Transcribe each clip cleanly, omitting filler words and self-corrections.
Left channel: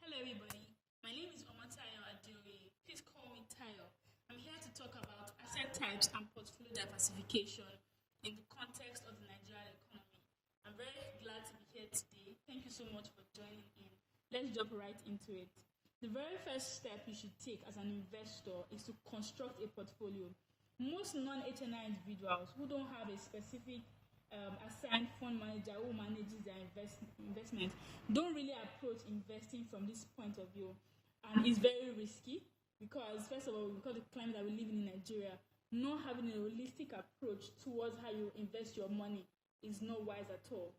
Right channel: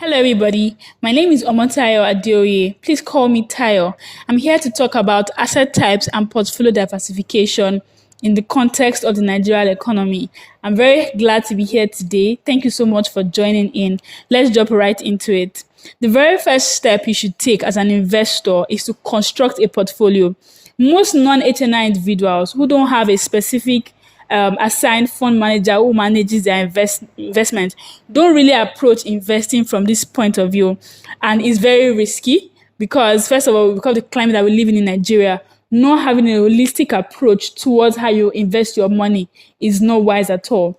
Hello, everybody. My name is Omotayo Adeoye. Please call me Tayo. I'm here to talk about asset types and portfolio diversification in the context of the Nigerian economy. I'm very glad to be here today. Thank you so much for joining in. Let's jump right into it. The very first step you should take as an investor is to construct a portfolio. Most non-HNI individuals who don't have a specific assigned fund manager who manages their investment don't really approach investing from this point of view, and it's very risky because first of all, because of the climate that we live in Nigeria, not having a holistic approach towards how you invest your money is not wise at all.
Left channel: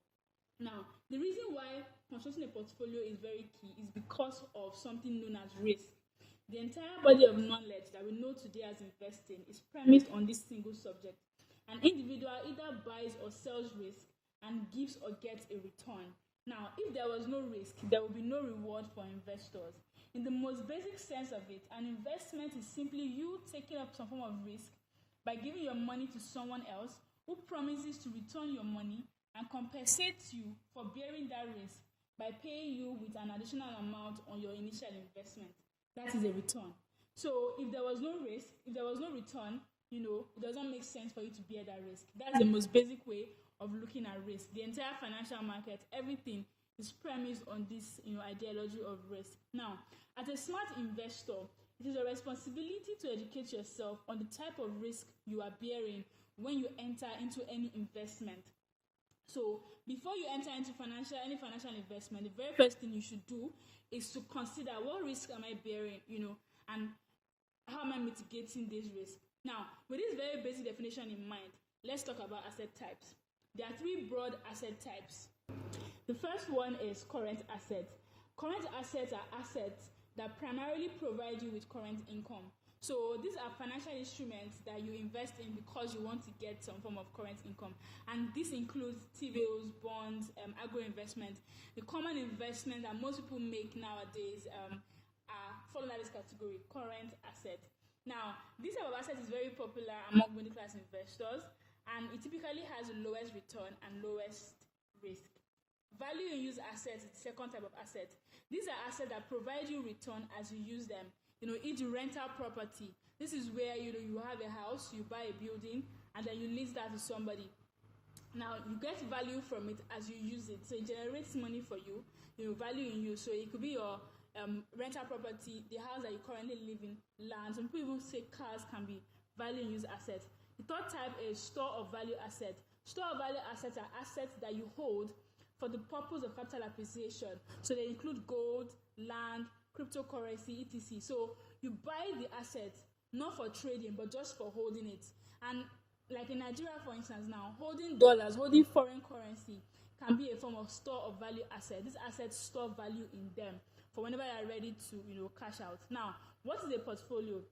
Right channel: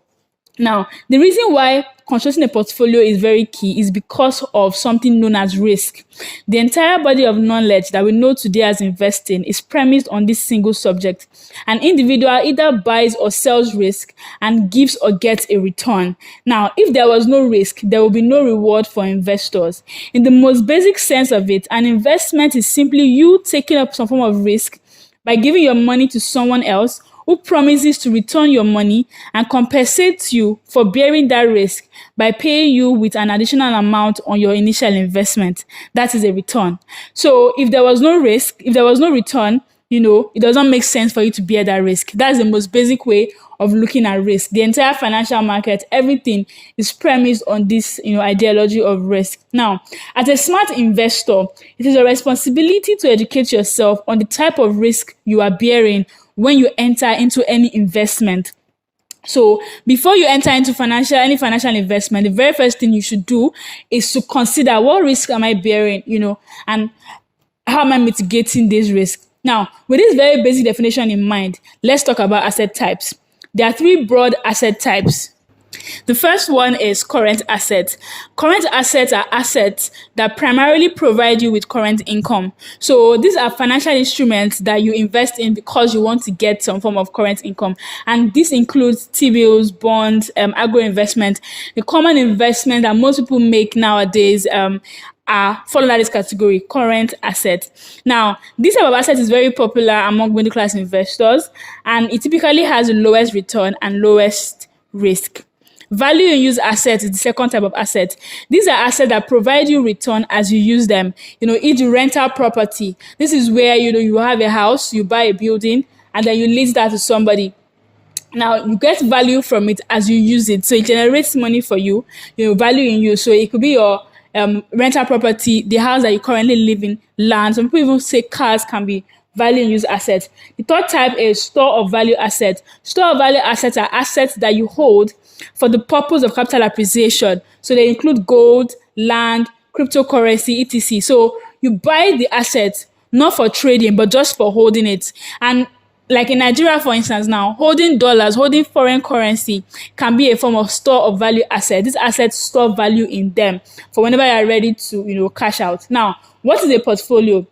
Now, the reason why constructing a portfolio is very key is because of something known as risk. The entire body of knowledge that we know today as investing is premised on this single subject. An individual either buys or sells risk and gives or gets a return. Now, if there was no risk, there will be no reward for investors. In the most basic sense of it, an investment is simply you taking up some form of risk by giving your money to someone else who promises to return your money and compensates you for bearing that risk by paying you with an additional amount on your initial investment. That is a return. So if there was no risk, if there was no return, it doesn't make sense for you to bear that risk. That's the most basic way of looking at risk. The entire financial market, everything is premised on this, ideology of risk. Now, as a smart investor, it is your responsibility to educate yourself on the type of risk you are bearing when you enter into any investment. So before you enter into any financial investment, the very first thing you should do is to consider what risk am I bearing, and how am I mitigating this risk. Now, with this very basic definition in mind, let's talk about asset types. There are three broad asset types. The first one is current assets. Current assets are assets that primarily provide you with current income. So these are financial instruments that you invest in because you want to get some form of current income. And this includes T-bills, bonds, agro investment. The common investment that most people make nowadays fall under this category, current assets. Now, this type of asset is very popular among middle class investors, and it typically has the lowest return and lowest risk. Value in use assets is the second type of asset. These are assets that provide you return as you use them. E.g. rental property. This is where, you have a house, you buy a building, and then you lease that to somebody. Now, you get value from it as you use it. So it generates money for you, value in use. So it could be your rental property, the house that you currently live in, land. Some people even say cars can be value in use assets. The third type is store of value assets. Store of value assets are assets that you hold for the purpose of capital appreciation. So they include gold, land, cryptocurrency, etc. So you buy the asset not for trading, but just for holding it. And like in Nigeria, for instance, now, holding dollars, holding foreign currency can be a form of store of value asset. These assets store value in them for whenever you're ready to, cash out. Now, what is a portfolio?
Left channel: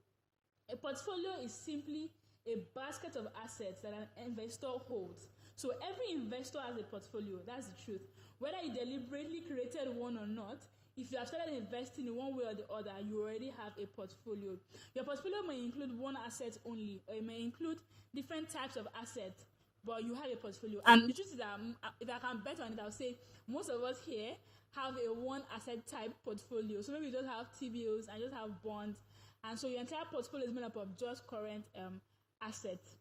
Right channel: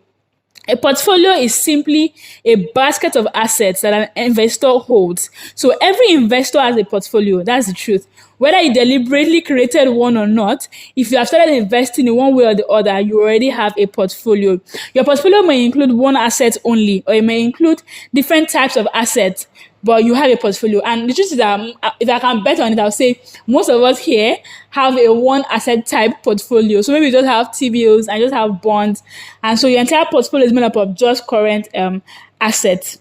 A portfolio is simply a basket of assets that an investor holds. So every investor has a portfolio. That's the truth. Whether you deliberately created one or not, if you have started investing in one way or the other, you already have a portfolio. Your portfolio may include one asset only, or it may include different types of assets, but you have a portfolio. And the truth is that if I can bet on it, I'll say most of us here have a one asset type portfolio. So maybe you just have T-bills and just have bonds. And so your entire portfolio is made up of just current assets.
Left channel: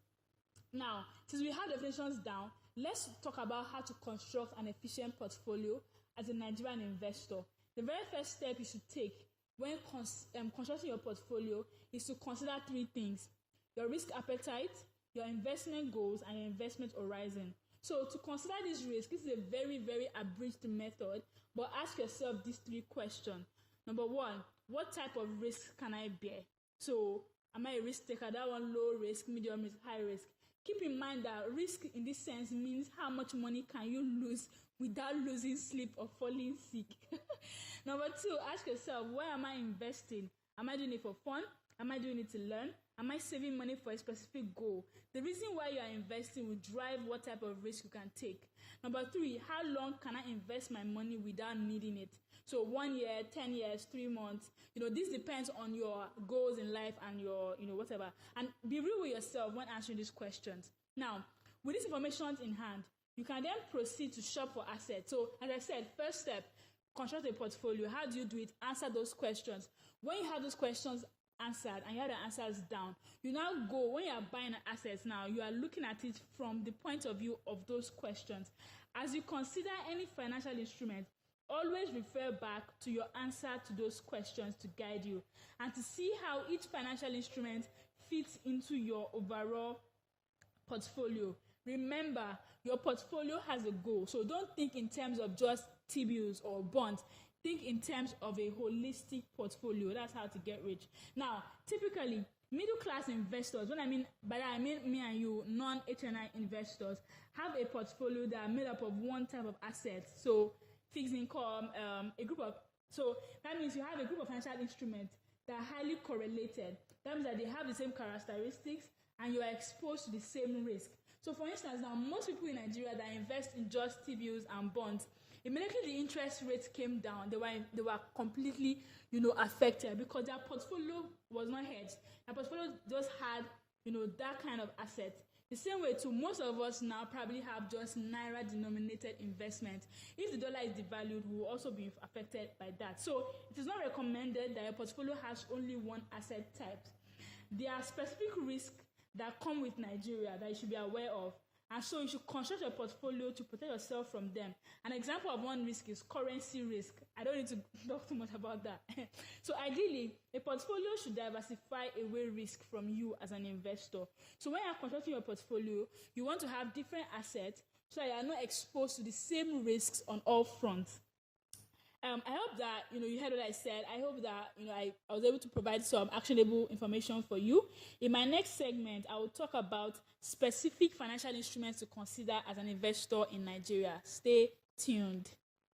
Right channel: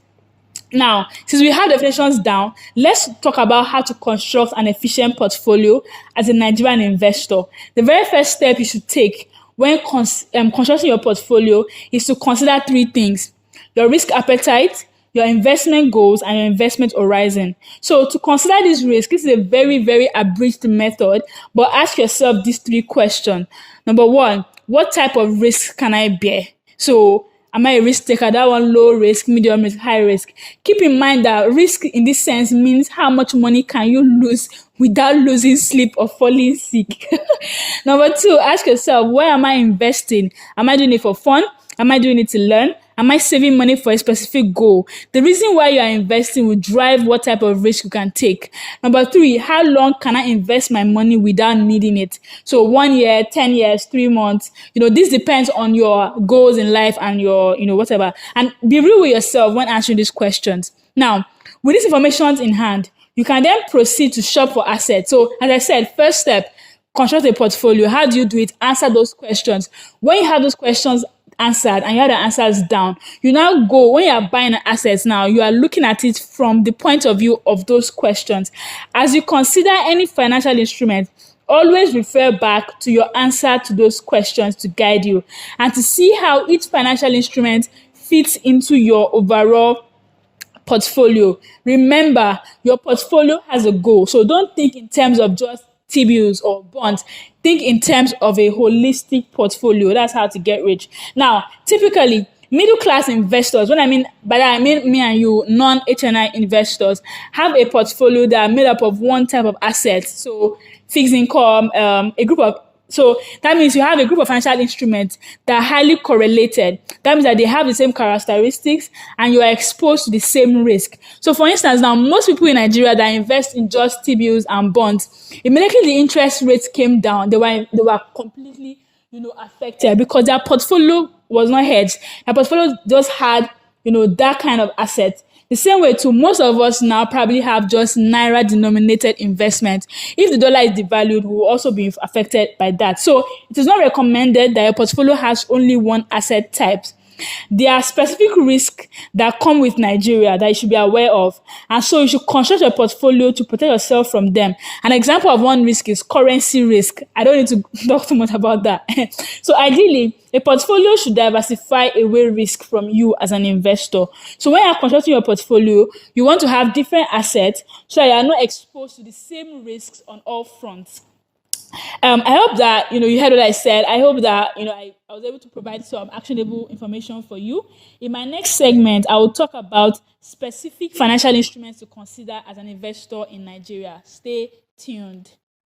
Now, since we have definitions down, let's talk about how to construct an efficient portfolio as a Nigerian investor. The very first step you should take when constructing your portfolio is to consider three things: your risk appetite, your investment goals, and your investment horizon. So to consider this risk, this is a very, very abridged method, but ask yourself these three questions. Number one, what type of risk can I bear? So am I a risk taker? That one, low risk, medium risk, high risk. Keep in mind that risk in this sense means how much money can you lose without losing sleep or falling sick. Number two, ask yourself, where am I investing? Am I doing it for fun? Am I doing it to learn? Am I saving money for a specific goal? The reason why you are investing will drive what type of risk you can take. Number three, how long can I invest my money without needing it? So 1 year, 10 years, 3 months. This depends on your goals in life and your, whatever. And be real with yourself when answering these questions. Now, with these information in hand, you can then proceed to shop for assets. So as I said, first step, construct a portfolio. How do you do it? Answer those questions. When you have those questions answered and you have the answers down, you now go, when you are buying assets now, you are looking at it from the point of view of those questions. As you consider any financial instrument, always refer back to your answer to those questions to guide you and to see how each financial instrument fits into your overall portfolio. Remember, your portfolio has a goal. So don't think in terms of just T-bills or bonds. Think in terms of a holistic portfolio. That's how to get rich. Now, typically, middle class investors, when I mean by that, I mean me and you, non-HNI investors, have a portfolio that are made up of one type of assets. So fixed income, so that means you have a group of financial instruments that are highly correlated. That means that they have the same characteristics and you are exposed to the same risk. So for instance, now most people in Nigeria that invest in just T-bills and bonds, immediately the interest rates came down, they were completely, affected because their portfolio was not hedged. Their portfolio just had, that kind of asset. The same way too, most of us now probably have just Naira denominated investments. If the dollar is devalued, we will also be affected by that. So it is not recommended that your portfolio has only one asset type. There are specific risks that come with Nigeria that you should be aware of. And so you should construct your portfolio to protect yourself from them. An example of one risk is currency risk. I don't need to talk too much about that. So ideally, a portfolio should diversify away risk from you as an investor. So when you're constructing your portfolio, you want to have different assets so that you are not exposed to the same risks on all fronts. I hope that you heard what I said. I hope that I was able to provide some actionable information for you. In my next segment, I will talk about specific financial instruments to consider as an investor in Nigeria. Stay tuned.